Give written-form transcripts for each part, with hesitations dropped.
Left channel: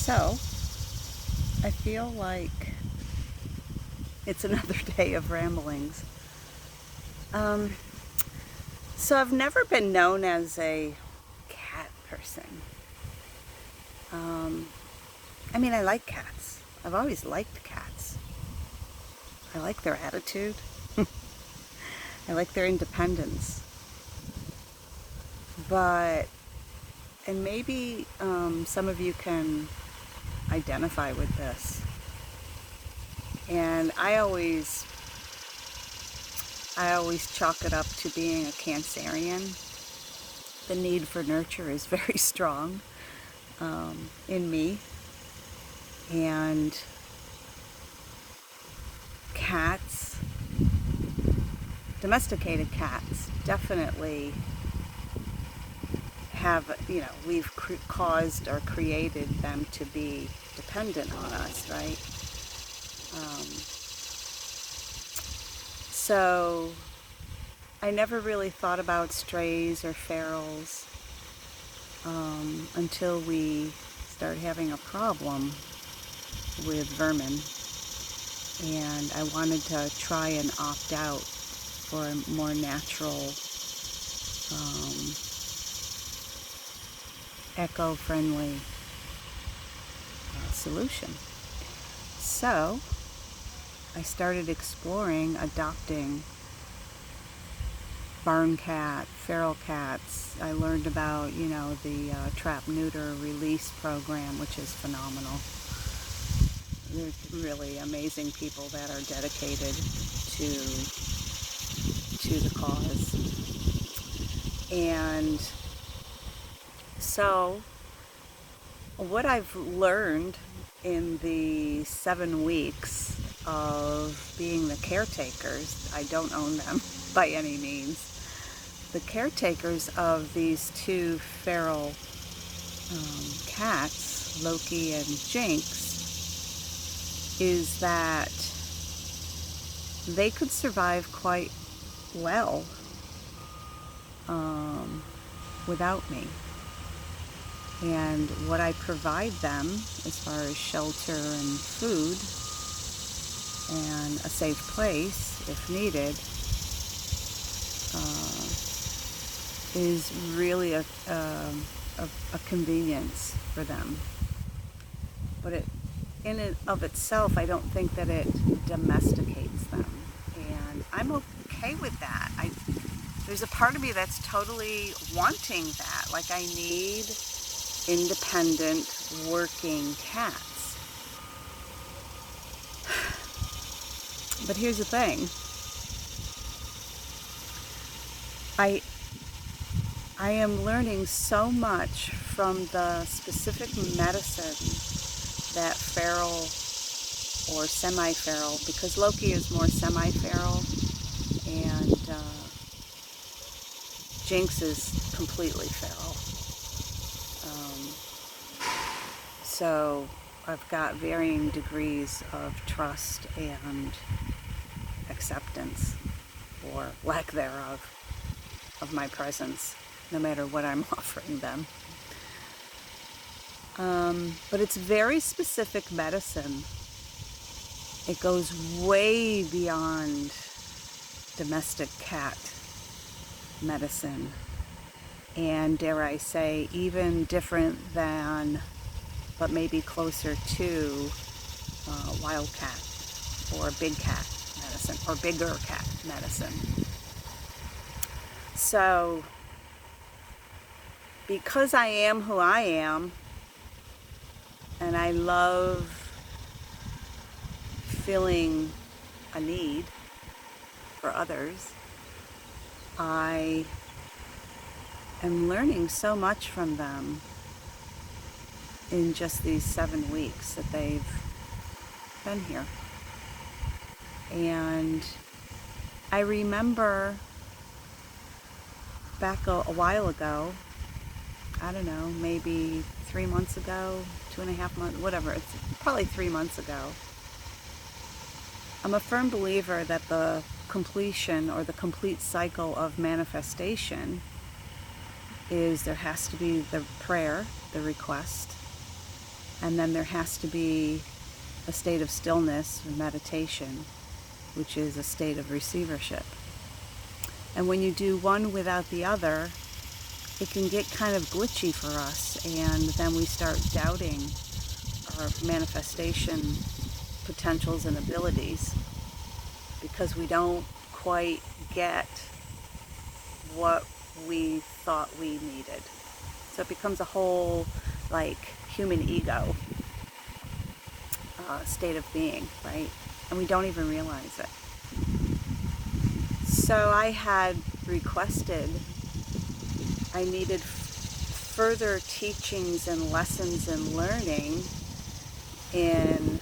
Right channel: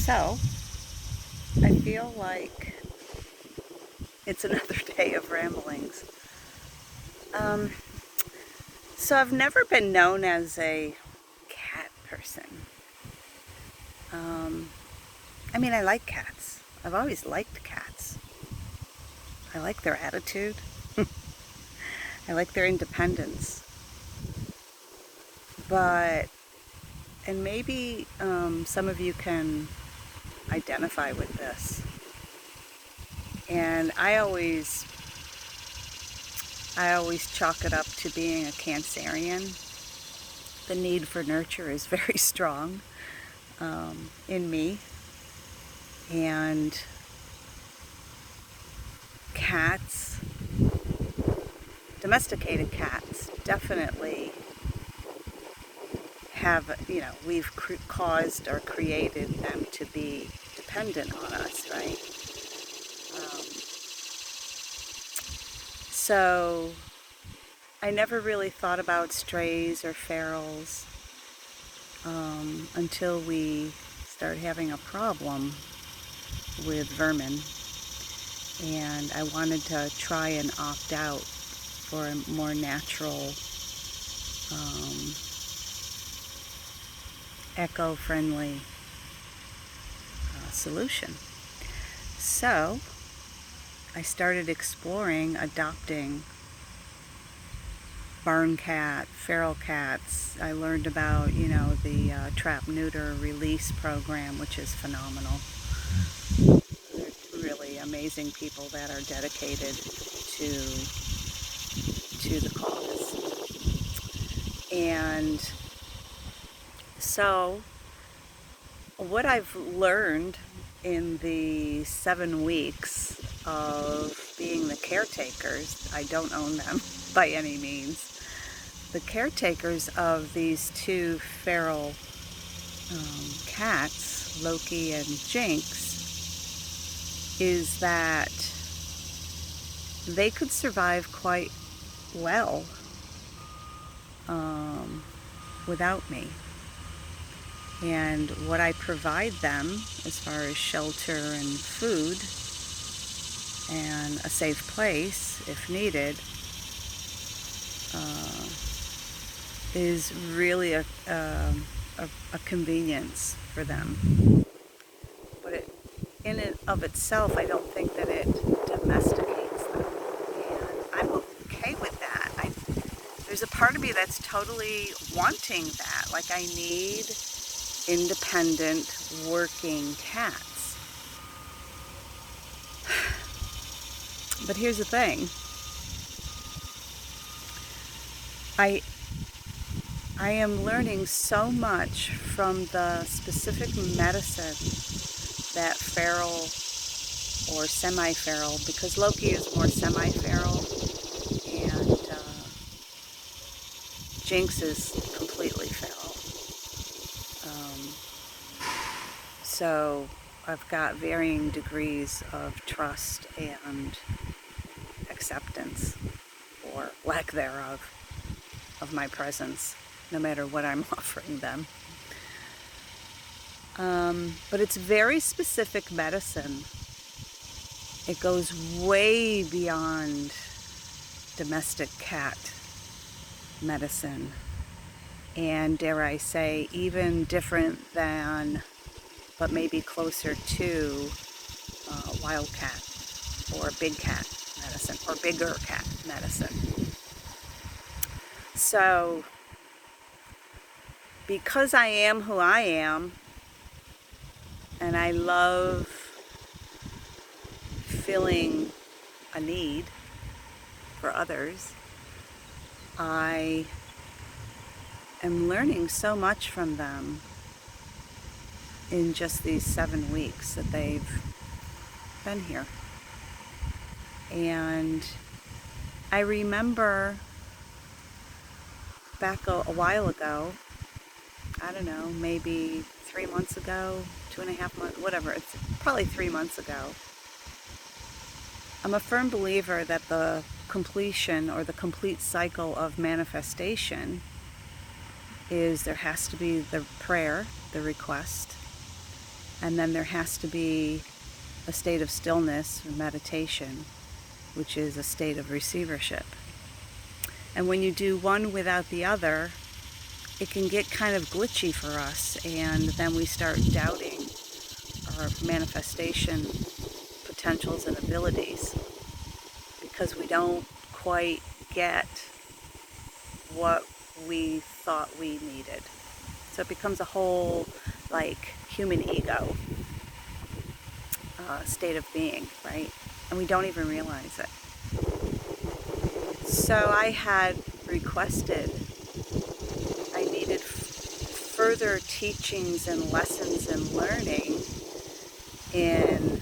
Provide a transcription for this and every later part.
So, I feel like it's another day of ramblings. Um, so I've never been known as a cat person. Um, I like cats. I've always liked cats. I like their attitude. I like their independence. But, and maybe some of you can identify with this. And I always chalk it up to being a Cancerian. The need for nurture is very strong in me. And cats, domesticated cats, definitely have, we've caused or created them to be dependent on us, right? So I never really thought about strays or ferals until we started having a problem with vermin, and I wanted to try and opt out for a more natural, eco-friendly solution. So I started exploring adopting barn cat, feral cats. I learned about, the trap, neuter, release program, which is phenomenal. They're really amazing people that are dedicated to the cause. And so what I've learned in the 7 weeks of being the caretakers, I don't own them by any means, the caretakers of these two feral cats, Loki and Jinx, is that they could survive quite well without me. And what I provide them as far as shelter and food and a safe place if needed is really a convenience for them. But in and of itself, I don't think that it domesticates them. And I'm okay with that. There's a part of me that's totally wanting that. Like, I need independent, working cats. But here's the thing. I am learning so much from the specific medicine that feral or semi-feral, because Loki is more semi-feral and Jinx is completely feral. So I've got varying degrees of trust and acceptance, or lack thereof, of my presence, no matter what I'm offering them. But it's very specific medicine. It goes way beyond domestic cat medicine, and dare I say, even different than, but maybe closer to wild cat or big cat medicine or bigger cat medicine. So because I am who I am, and I love filling a need for others, I am learning so much from them in just these 7 weeks that they've been here. And I remember back a while ago, I don't know, maybe 3 months ago, 2.5 months, whatever, it's probably 3 months ago. I'm a firm believer that the completion or the complete cycle of manifestation is there has to be the prayer, the request, And then there has to be a state of stillness or meditation, which is a state of receivership. And when you do one without the other, it can get kind of glitchy for us, and then we start doubting our manifestation potentials and abilities because we don't quite get what we thought we needed. So it becomes a whole, like, human ego state of being, right? And we don't even realize it. So I had requested, I needed further teachings and lessons and learning in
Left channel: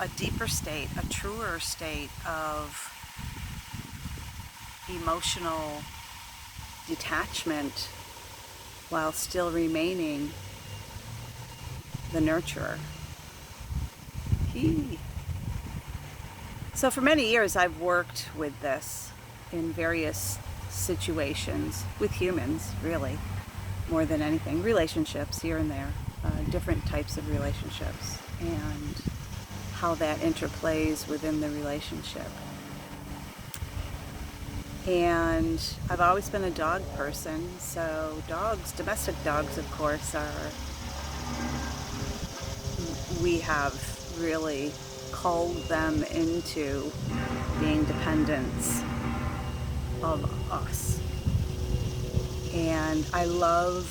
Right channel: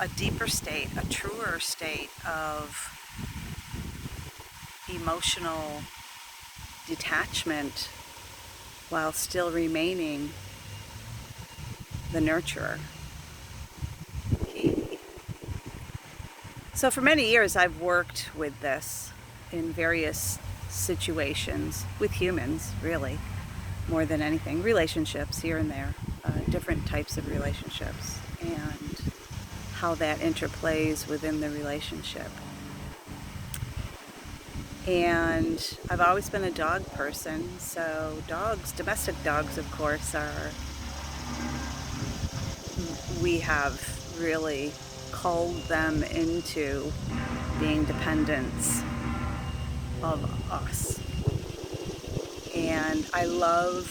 a deeper state, a truer state of emotional detachment while still remaining the nurturer. So for many years I've worked with this in various situations with humans, really, more than anything. Relationships here and there, different types of relationships, and how that interplays within the relationship. And I've always been a dog person, so dogs, domestic dogs, of course, we have really called them into being dependents of us. And I love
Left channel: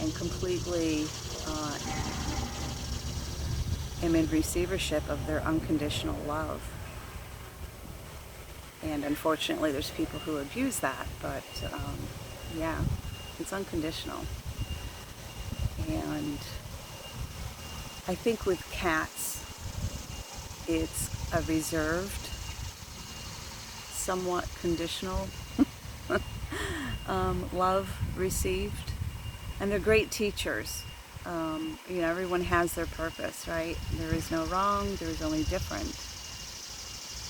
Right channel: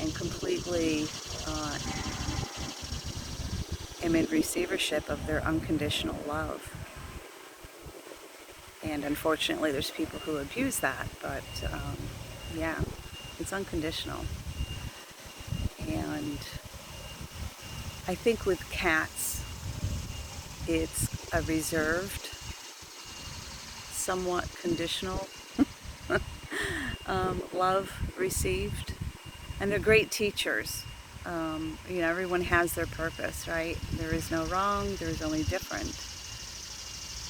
and completely am in receivership of their unconditional love. And unfortunately, there's people who abuse that, but yeah, it's unconditional. And I think with cats, it's a reserved, somewhat conditional love received. And they're great teachers. Everyone has their purpose, right? There is no wrong, there is only different.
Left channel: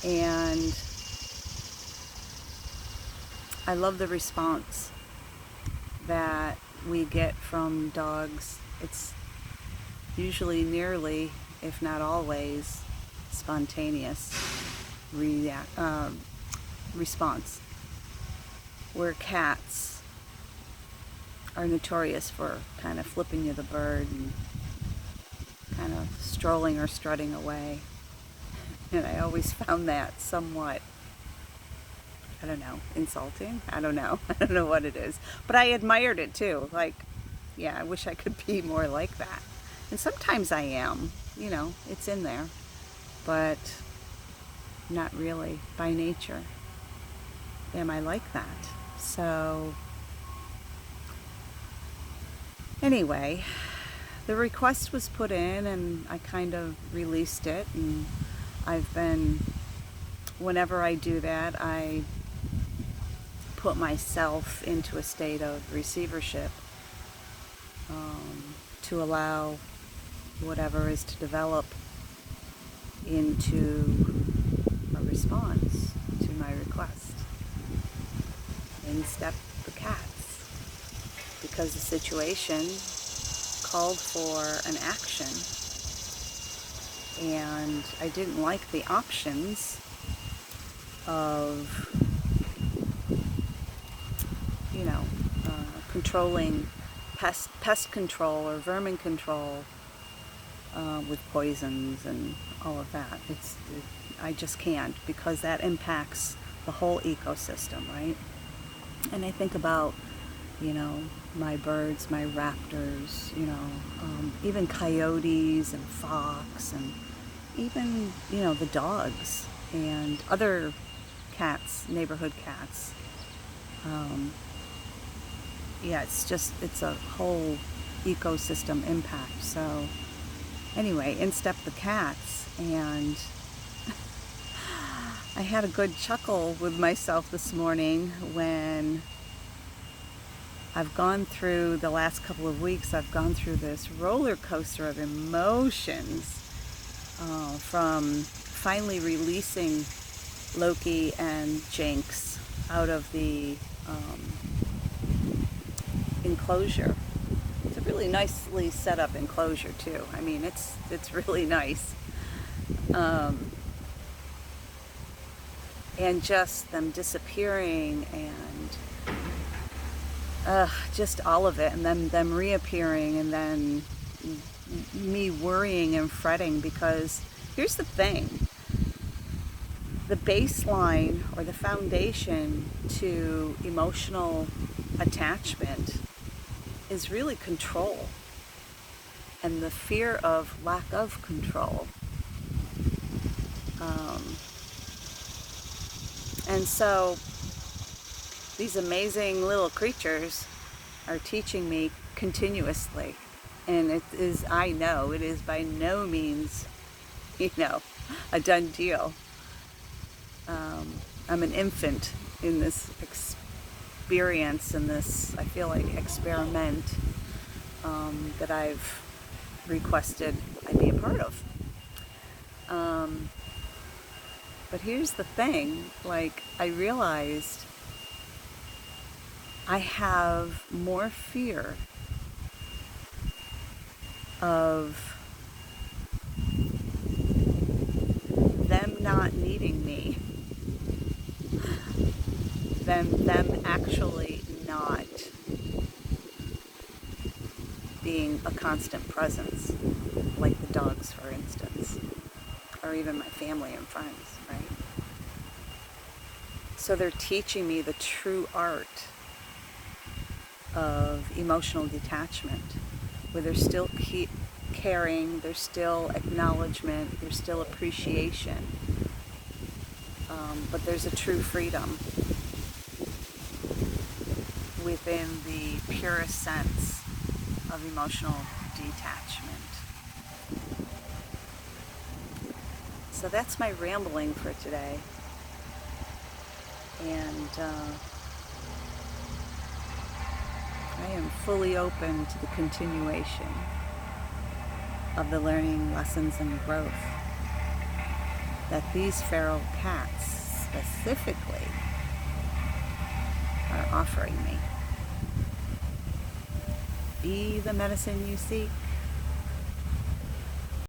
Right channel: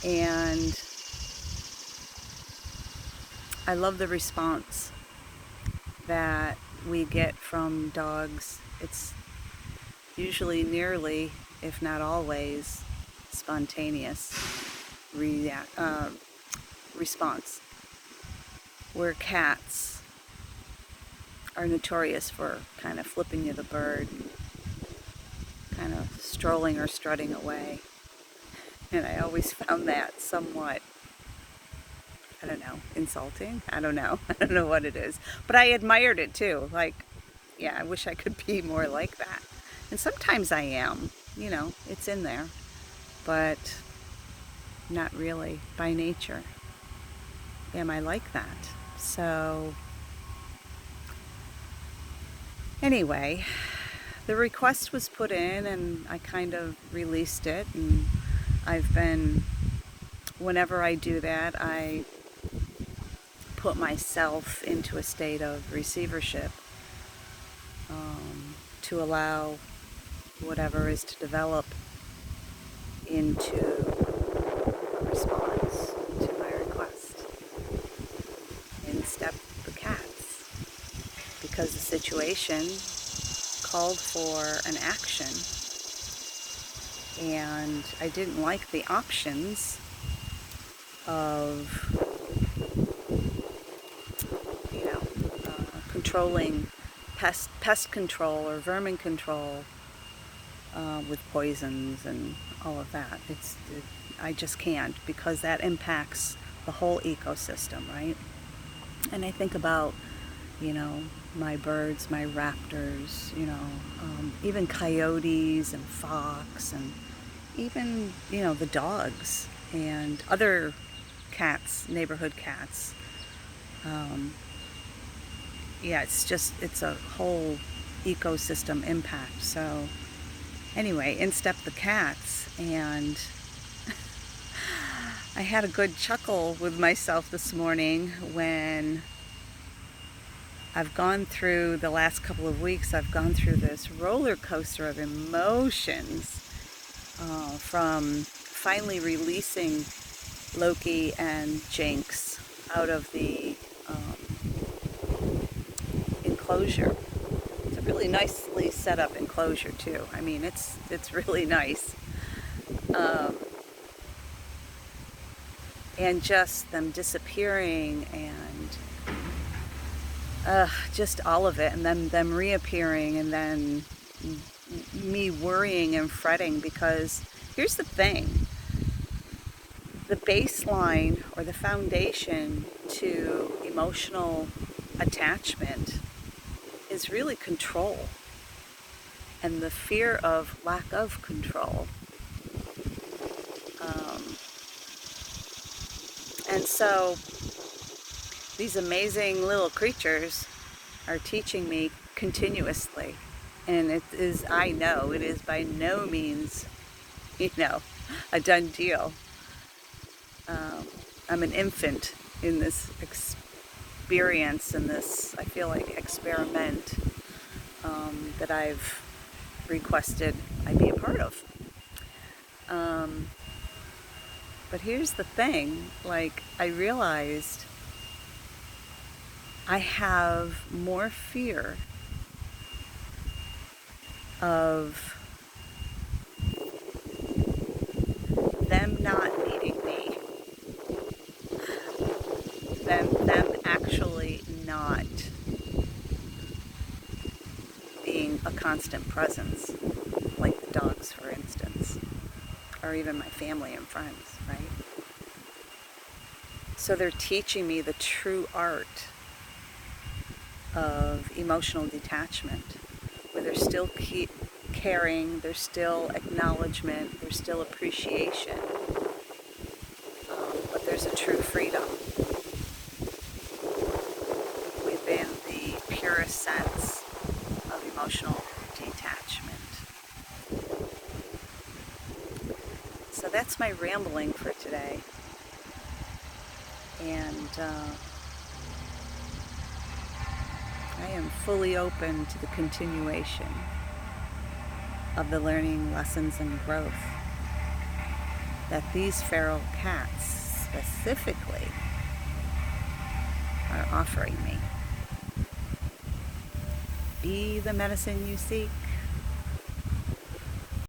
And I love the response that we get from dogs. It's usually nearly, if not always, spontaneous response. Where cats are notorious for kind of flipping you the bird and kind of strolling or strutting away. And I always found that somewhat, I don't know, insulting. I don't know. I don't know what it is. But I admired it too. Like, yeah, I wish I could be more like that. And sometimes I am, it's in there. But not really by nature. Am I like that? So, anyway, the request was put in and I kind of released it. And I've been, whenever I do that, I put myself into a state of receivership to allow whatever is to develop into a response to my request. In step the cats, because the situation called for an action, and I didn't like the options of controlling pest control or vermin control with poisons and all of that. I just can't, because that impacts the whole ecosystem, right? And I think about, my birds, my raptors, even coyotes and fox, and even, the dogs and other cats, neighborhood cats. It's a whole ecosystem impact. So anyway, in step the cats, and I had a good chuckle with myself this morning when I've gone through the last couple of weeks. I've gone through this roller coaster of emotions from finally releasing Loki and Jinx out of the enclosure. a really nicely set up enclosure too. I mean, it's really nice. And just them disappearing and just all of it, and then them reappearing, and then me worrying and fretting, because here's the thing. The baseline or the foundation to emotional attachment is really control and the fear of lack of control. And so these amazing little creatures are teaching me continuously. And it is, I know, it is by no means, a done deal. I'm an infant in this experience, in this, I feel like, experiment that I've requested I be a part of. But here's the thing, like, I realized I have more fear of them not needing me than them actually not being a constant presence, like the dogs, for instance, or even my family and friends, right? So they're teaching me the true art of emotional detachment, where there's still caring, there's still acknowledgement, there's still appreciation, but there's a true freedom within the purest sense of emotional detachment. So that's my rambling for today. And I am fully open to the continuation of the learning, lessons, and growth that these feral cats specifically are offering me. Be the medicine you seek.